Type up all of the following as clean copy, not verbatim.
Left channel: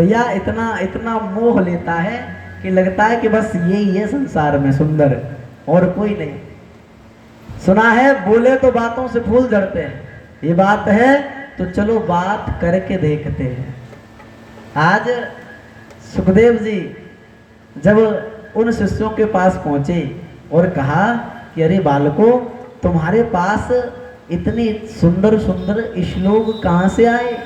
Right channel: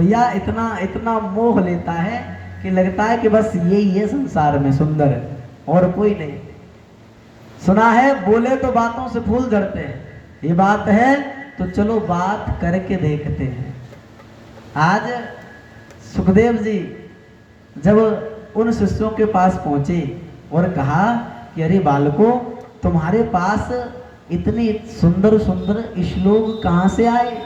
भैया इतना इतना मोह लेता है कि लगता है कि बस यही है संसार में सुंदर, और कोई नहीं। सुना है बोले तो बातों से फूल झड़ते हैं, ये बात है तो चलो बात करके देखते हैं। आज सुखदेव जी जब उन शिष्यों के पास पहुंचे और कहा कि अरे बालकों, तुम्हारे पास इतनी सुंदर सुंदर श्लोक कहाँ से आए?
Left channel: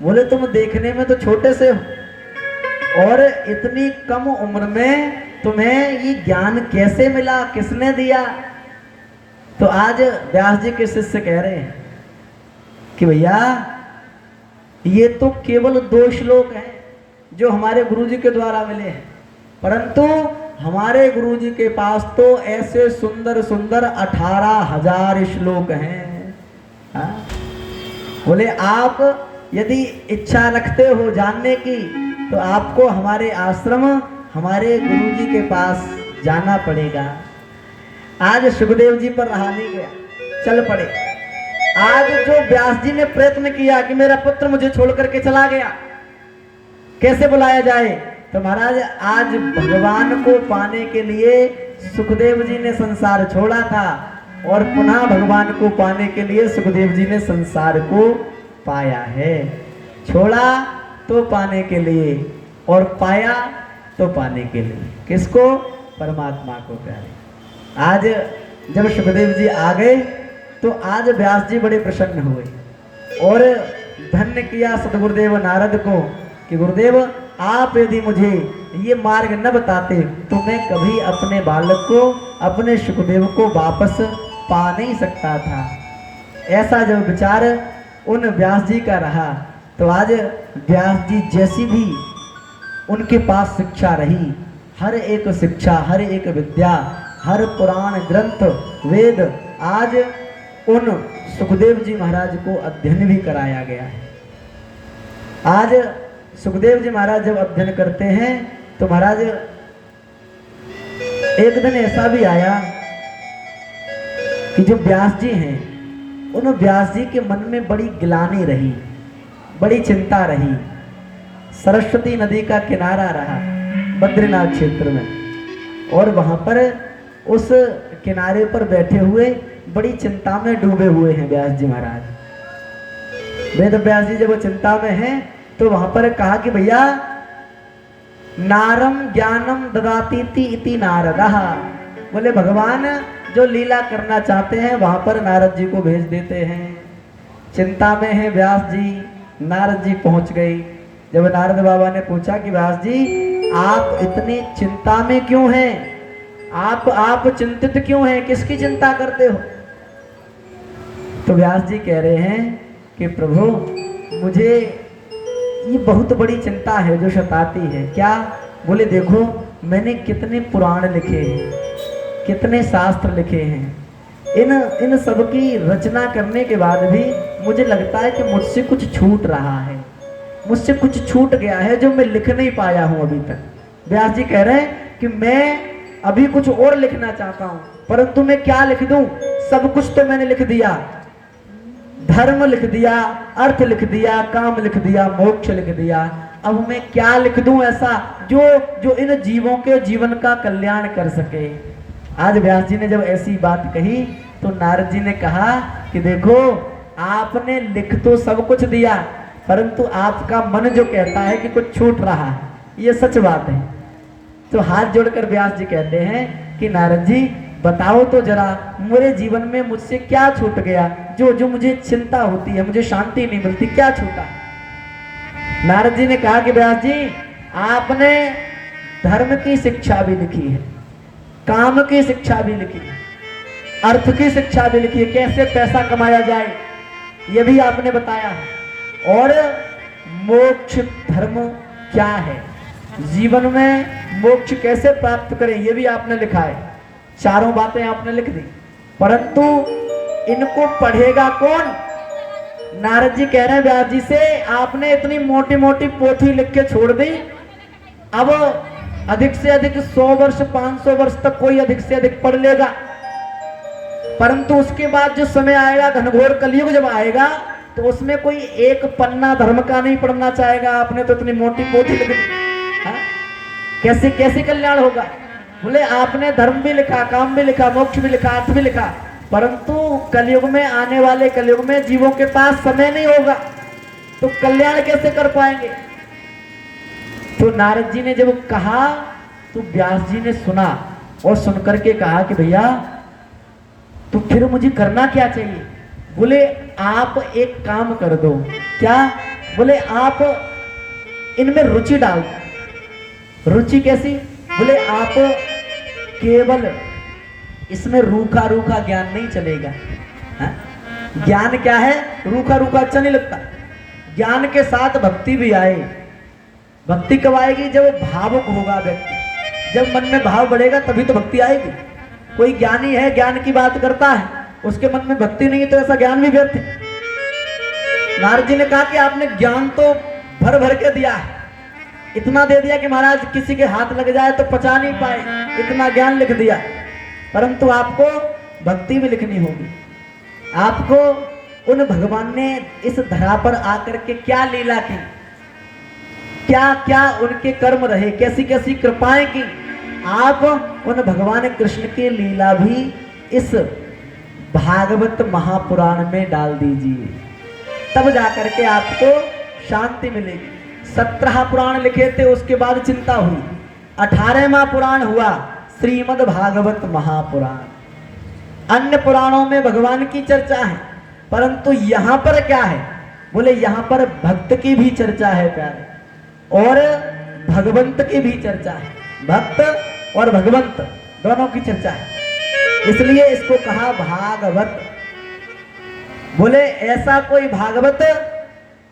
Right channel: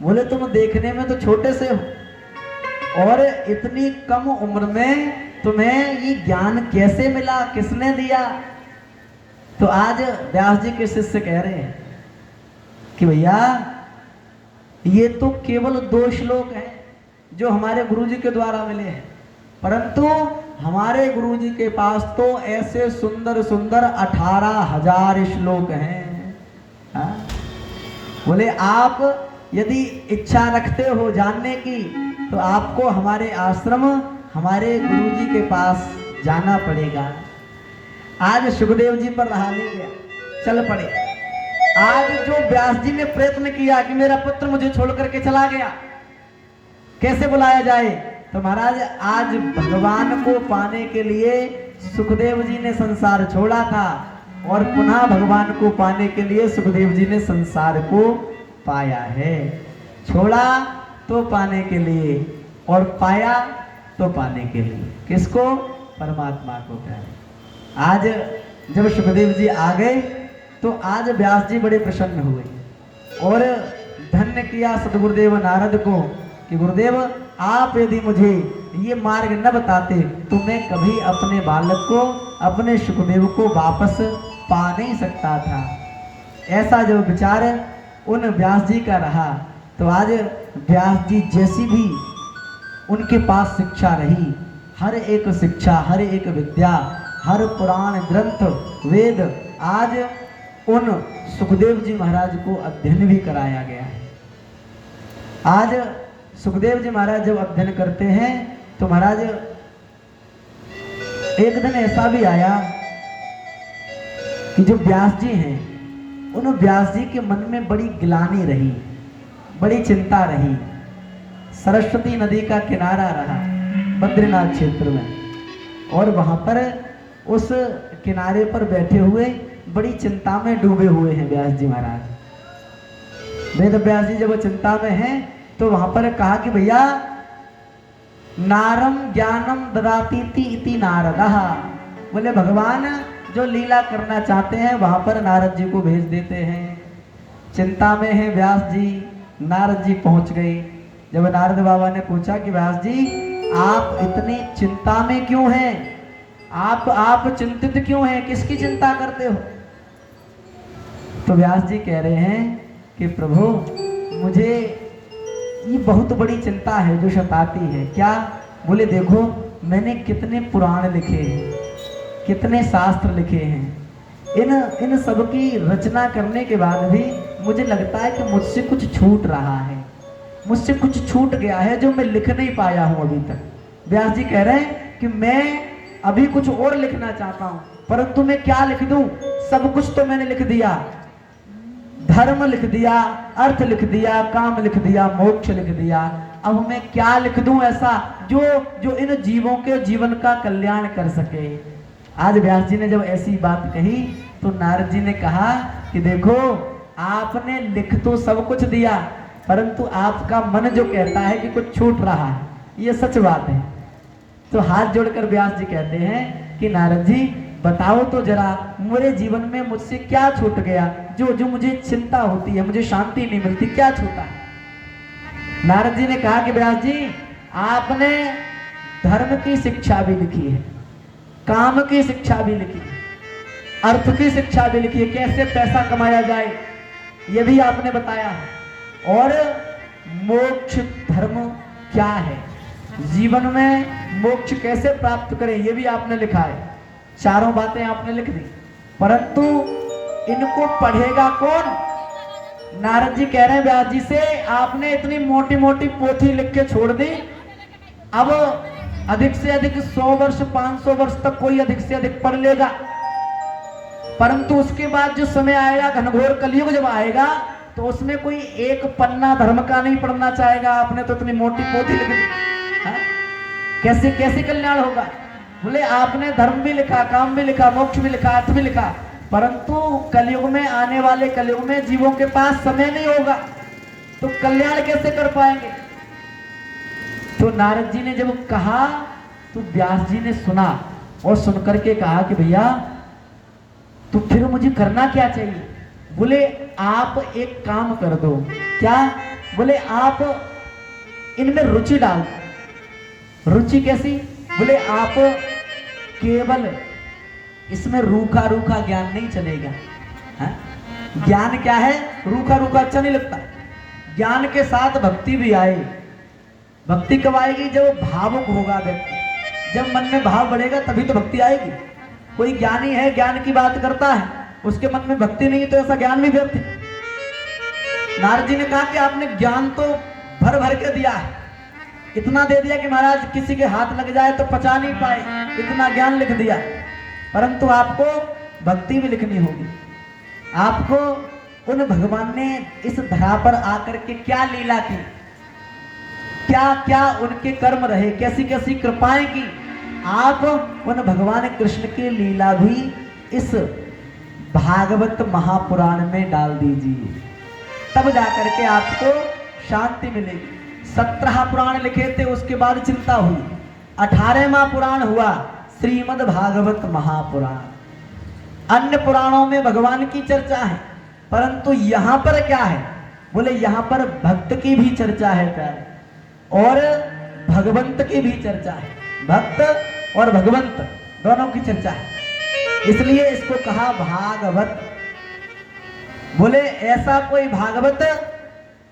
बोले तुम देखने में तो छोटे से हो और इतनी कम उम्र में तुम्हें ये ज्ञान कैसे मिला, किसने दिया? तो आज व्यास जी के शिष्य कह रहे हैं कि भैया ये तो केवल 2 श्लोक हैं जो हमारे गुरुजी के द्वारा मिले हैं, परंतु हमारे गुरुजी के पास तो ऐसे सुंदर सुंदर 18,000 श्लोक हैं। हाँ? बोले आप यदि इच्छा रखते हो जानने की तो आपको हमारे आश्रम, हमारे गुरुजी के पास जाना पड़ेगा। आज सुखदेव जी पर रहा नहीं गया, चल पड़े। आज जो व्यास जी ने प्रयत्न किया कि मेरा पुत्र मुझे छोड़ करके चला गया, कैसे बुलाया जाए? तो महाराज आज भगवान को पाने के लिए सुखदेव जी ने संसार छोड़ा था और पुनः भगवान को पाने के लिए सुखदेव जी ने संसार को पाया है। छोड़ा तो पाने के लिए और पाया तो पाने के लिए। किसको? परमात्मा को प्यारे। आज जब सुखदेव जी आ गए तो आज व्यास जी बड़े प्रसन्न हुए और धन्य किया सदगुरुदेव नारद को कि गुरुदेव आप यदि मुझे ये मार्ग न बताते तो मैं कभी अपने बालक को, अपने सुखदेव को वापस पा नहीं सकता था। ऐसा जब विचार उन व्यास जी का रहा तो आज व्यास जी जैसी भी उनके पास शिक्षा रही, हर एक शिक्षा, हर एक विद्या, हर पुराण ग्रंथ वेद आज उन सुखदेव जी महाराज को अध्ययन भी कराया गया है। आज सुखदेव जी महाराज जब अध्ययन करते हैं तो महाराज एक दिन ऐसा भी आया कि जो व्यास जी हैं उन व्यास जी के मन में बड़ी गिलानी रही, बड़ी चिंता रही। सरस्वती नदी का किनारा रहा बद्रीनाथ क्षेत्र में और वहां पर उस किनारे पर बैठे हुए बड़ी चिंता में डूबे हुए हैं व्यास जी महाराज। वेद व्यास जी जब चिंता में हैं तो वहां पर कहा कि भैया नारम ज्ञानम ददातीति इति नारदः। बोले भगवान जो लीला करना चाहते हैं वहां पर नारद जी को भेज देते हैं। चिंता में है व्यास जी, नारद जी पहुंच गए। जब नारद बाबा ने पूछा कि व्यास जी आप इतनी चिंता में क्यों हैं, आप चिंतित क्यों हैं, किसकी चिंता करते हो? तो व्यास जी कह रहे हैं कि प्रभु मुझे ये बहुत बड़ी चिंता है जो सताती है। क्या? बोले देखो मैंने कितने पुराण लिखे हैं, कितने शास्त्र लिखे हैं, इन सब की रचना करने के बाद भी मुझे लगता है कि मुझसे कुछ छूट रहा है, मुझसे कुछ छूट गया है जो मैं लिख नहीं पाया हूं अभी तक। व्यास जी कह रहे हैं कि मैं अभी कुछ और लिखना चाहता हूं, परंतु मैं क्या लिख दूं? सब कुछ तो मैंने लिख दिया, धर्म लिख दिया, अर्थ लिख दिया, काम लिख दिया, मोक्ष लिख दिया। अब मैं क्या लिख दूं ऐसा जो इन जीवों के जीवन का कल्याण कर सके? आज व्यास जी ने जब ऐसी बात कही तो नारद जी ने कहा कि देखो आपने लिख तो सब कुछ दिया, परंतु आपका मन जो कहता है कि कुछ छूट रहा है, ये सच बात है। तो हाथ जोड़कर व्यास जी कहते हैं कि नारद जी बताओ तो जरा मेरे जीवन में मुझसे क्या छूट गया, जो मुझे चिंता होती है, मुझे शांति नहीं मिलती, क्या छूटा? नारद जी ने कहा कि व्यास जी आपने धर्म की शिक्षा भी लिखी है, काम की शिक्षा भी लिखी है, अर्थ की शिक्षा भी लिखी है, कैसे पैसा कमाया जाए ये भी आपने बताया है, और मोक्ष धर्म क्या है, जीवन में मोक्ष कैसे प्राप्त करें ये भी आपने लिखा है। चारों बातें आपने लिख दी, परंतु इनको पढ़ेगा कौन? नारद जी कह रहे हैं व्यास जी से आपने इतनी मोटी मोटी पोथी लिख के छोड़ दी, अब अधिक से अधिक 100 वर्ष 500 वर्ष तक कोई अधिक से अधिक पढ़ लेगा, परंतु उसके बाद जो समय आएगा घनघोर कलयुग जब आएगा तो उसमें कोई एक पन्ना धर्म का नहीं पढ़ना चाहेगा। आपने तो इतनी मोटी पोथी लिख दी, हाँ? कैसे कैसे कल्याण होगा? बोले आपने धर्म भी लिखा, काम भी लिखा, मोक्ष भी लिखा, अर्थ भी लिखा, परंतु कलयुग में, आने वाले कलयुग में जीवों के पास समय नहीं होगा, तो कल्याण कैसे कर पाएंगे? तो नारद जी ने जब कहा तो व्यास जी ने सुना और सुनकर के कहा कि भैया तो फिर मुझे करना क्या चाहिए? बोले आप एक काम कर दो। क्या? बोले आप इनमें रुचि डाल। रुचि कैसी? बोले आप केवल इसमें रूखा रूखा ज्ञान नहीं चलेगा। हाँ? ज्ञान क्या है? रूखा रूखा अच्छा नहीं लगता। ज्ञान के साथ भक्ति भी आए। भक्ति कब आएगी? जब भावुक होगा व्यक्ति, जब मन में भाव बढ़ेगा तभी तो भक्ति आएगी। कोई ज्ञानी है, ज्ञान की बात करता है, उसके मन में भक्ति नहीं है तो ऐसा ज्ञान भी व्यर्थ है। नारद जी ने कहा कि आपने ज्ञान तो भर भर के दिया है, इतना दे दिया कि महाराज किसी के हाथ लग जाए तो पचा नहीं पाए, इतना ज्ञान लिख दिया, परंतु आपको भक्ति भी लिखनी होगी। आपको उन भगवान ने इस धरा पर आकर के क्या लीला की, क्या क्या उनके कर्म रहे, कैसी कैसी कृपाएं की, आप उन भगवान कृष्ण की लीला भी इस भागवत महापुराण में डाल दीजिए, तब जाकर के आपको शांति मिलेगी। 17 पुराण लिखे थे, उसके बाद चिंता हुई। 18वां पुराण हुआ श्रीमद् भागवत महापुराण। अन्य पुराणों में भगवान की चर्चा है, परंतु यहाँ पर क्या है? बोले यहाँ पर भक्त की भी चर्चा है प्यारे, और भगवंत की भी चर्चा है। भक्त और भगवंत दोनों की चर्चा है, इसलिए इसको कहा भागवत। बोले ऐसा कोई भागवत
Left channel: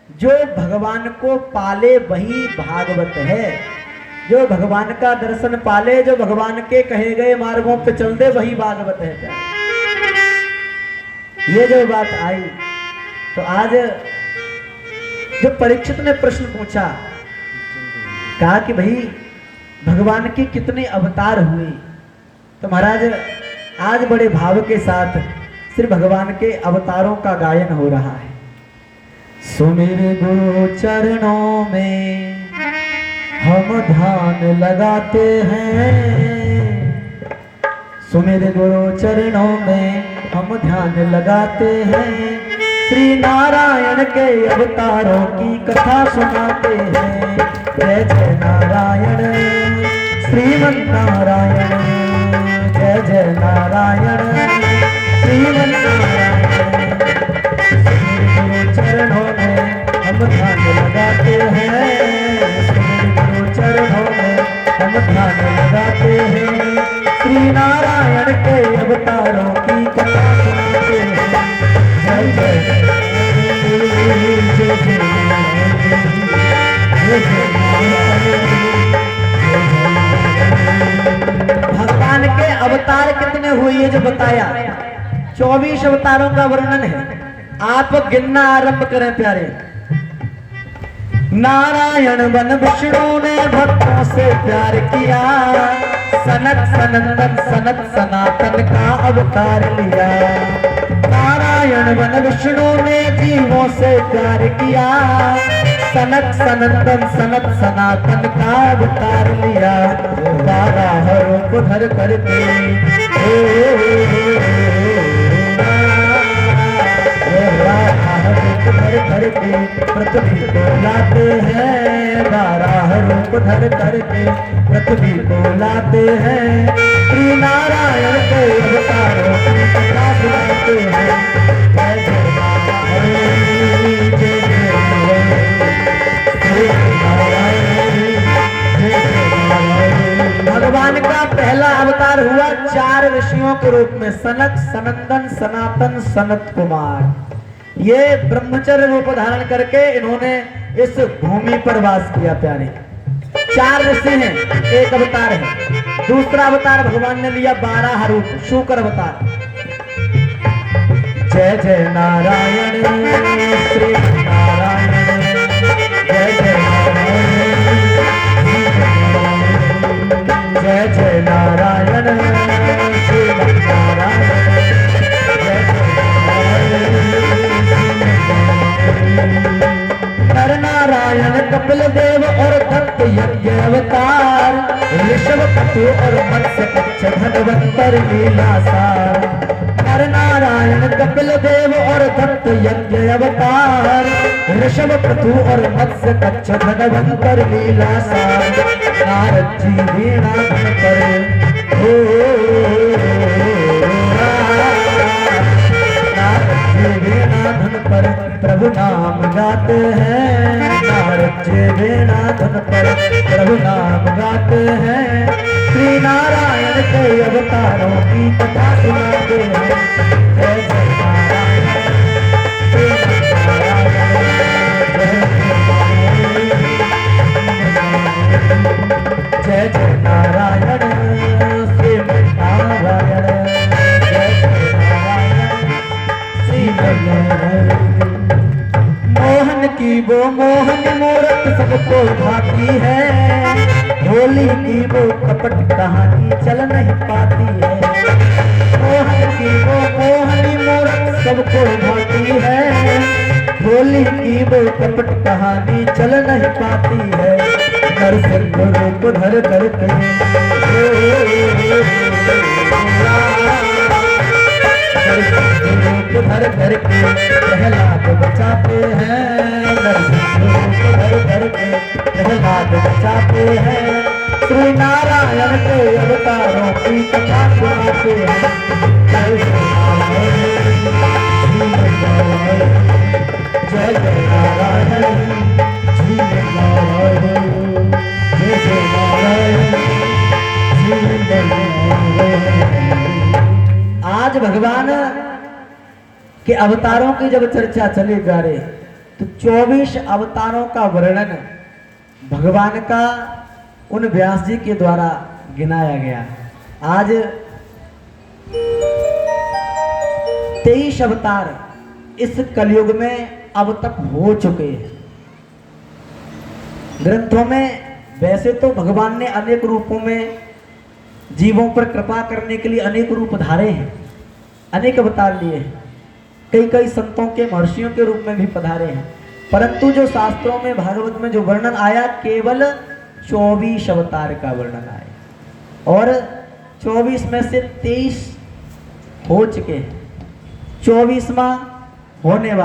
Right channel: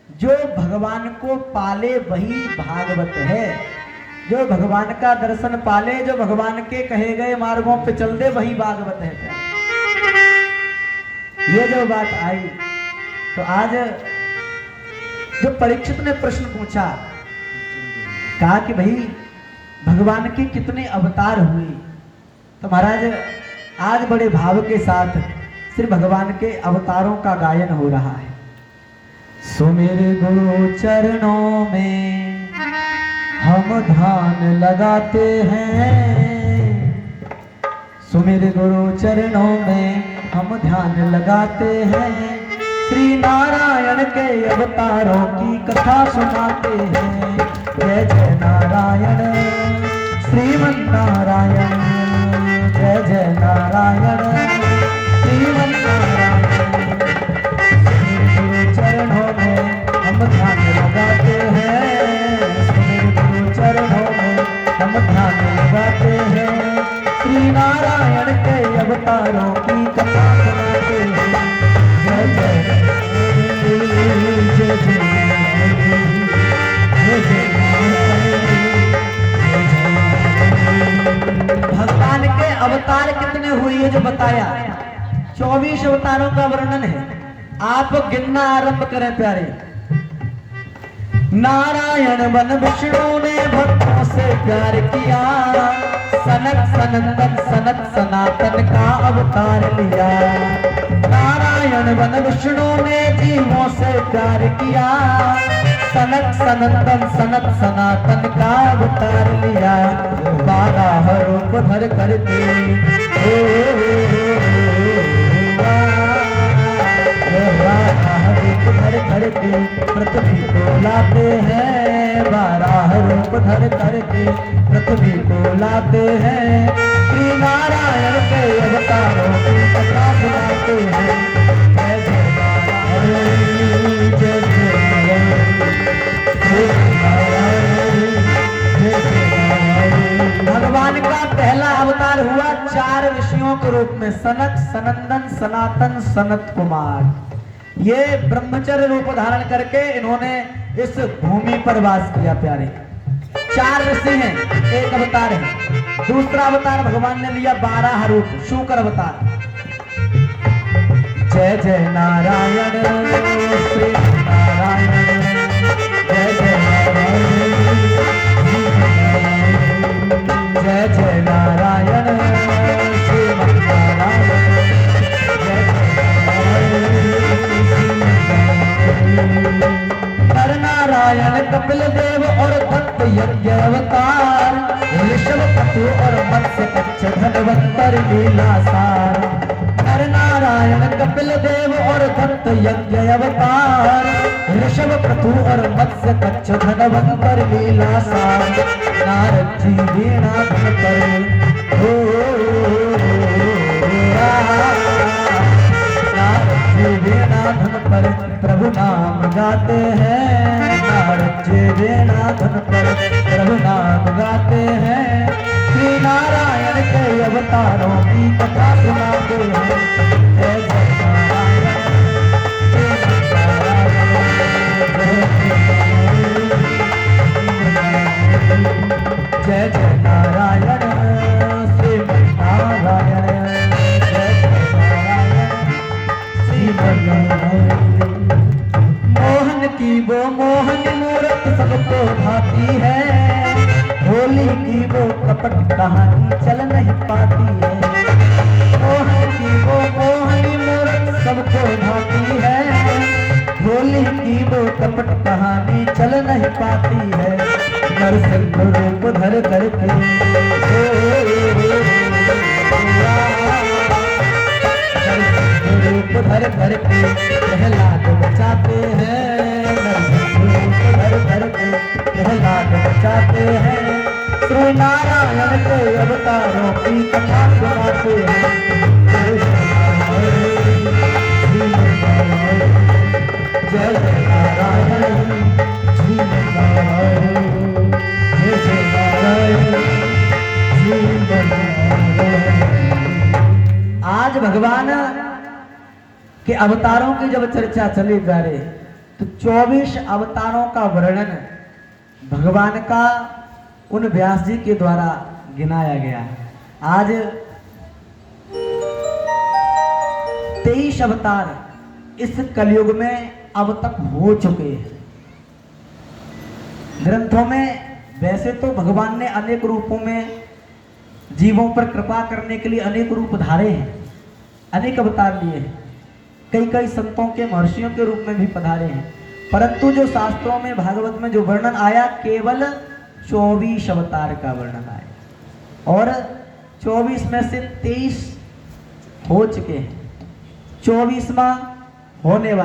जो भगवान को पाले वही भागवत है। जो भगवान का दर्शन पाले, जो भगवान के कहे गए मार्गों पे चल दे, वही भागवत है। ये जो बात आई तो आज जब परीक्षित ने प्रश्न पूछा, कहा कि भाई भगवान के कितने अवतार हुए, तो महाराज आज बड़े भाव के साथ श्री भगवान के अवतारों का गायन हो रहा है। सुमेरे गुरु चरणों में हम ध्यान लगाते हैं, सुमेरे गुरु चरणों में हम ध्यान लगाते हैं, श्री नारायण के अवतारों की कथा सुनाते हैं। जय जय नारायण श्रीमन नारायण, जय जय नारायण श्रीमन नारायण। चरणों में हम ध्यान लगाते हैं, चरणों में हम ध्यान लगाते हैं, श्री नारायण के अवतारों की कथा सुनाते हैं। जय जय जय भगवान के अवतार कितने हुए ये जो बताया, 24 अवतारों का वर्णन है। आप गिनना आरंभ करें प्यारे। नारायण वन विष्णु ने भक्तों से प्यार किया, सनत सनंदन सनत सनातन का अवतार लिया। नारायण वन विष्णु ने जीवों से प्यार किया, सनत सनंदन सनत सनातन का अवतार लिया। 12 रूप धर करके धर करके पृथ्वी को लाते हैं, 12 रूप धर करके पृथ्वी को लाते हैं, श्री नारायण के अवतारों की कथा सुनाते हैं। जय जय नारायण, जय जय नारायण। भगवान का पहला अवतार हुआ 4 ऋषियों के रूप में, सनक सनंदन सनातन सनत कुमार। ये ब्रह्मचर्य रूप धारण करके इन्होंने इस भूमि पर वास किया प्यारे। 4 ऋषि हैं, एक अवतार है। दूसरा अवतार भगवान ने लिया 12 रूप, शुक्र अवतार। जय जय नारायण श्री नारायण, जय जय नारायण, जय जय नारायण श्री नारायण, जय जय नारायण। और दत्त यज्ञ अवतार, ऋषभ पतु और मत्स्य कच्छ धनवंतर लीला सार। नर नारायण कपिल देव और दत्त यज्ञ अवतार, ऋषभ पतु और मत्स्य कच्छ धनवंतर लीला सार। नारद जी वीणा धन पर हो, नारद जी वीणा धन पर प्रभु नाम गाते हैं। नारद जी वीणा धन पर प्रभु नाम गाते हैं। श्री नारायण के अवतारों की कथा सुनाते हैं। जय जय नारायण, जय जय नारायण, श्रीमन नारायण, जय जय नारायण, श्रीमन नारायण। मोहन की वो मोहन मूरत सबको भाती है, होली की वो कपट कहानी चल नहीं पाती है। मोहन की वो मोहन मूरत सबको भाती है, होली की वो कपट कहानी चल नहीं पाती है। नरसिंह रूप धर करके रूप धर करके प्रहलाद बचाते हैं। नरसिंह रूप धर करके प्रहलाद बचाते हैं। श्री नारायण के अवतारों की कथा सुनाते हैं। जय जय नारायण, जय जय नारायण, श्रीमन नारायण, जय जय नारायण, श्रीमन नारायण। आज भगवान के अवतारों की जब चर्चा चली जा रही तो 24 अवतारों का वर्णन भगवान का उन व्यास जी के द्वारा गिनाया गया। आज 23 अवतार इस कलयुग में अब तक हो चुके हैं। ग्रंथों में वैसे तो भगवान ने अनेक रूपों में जीवों पर कृपा करने के लिए अनेक रूप धारे हैं, अनेक अवतार लिए हैं। कई कई संतों के महर्षियों के रूप में भी पधारे हैं, परंतु जो शास्त्रों में भागवत में जो वर्णन आया केवल 24 अवतार का वर्णन आया और 24 में से 23 हो चुके हैं। 24वां होने वाला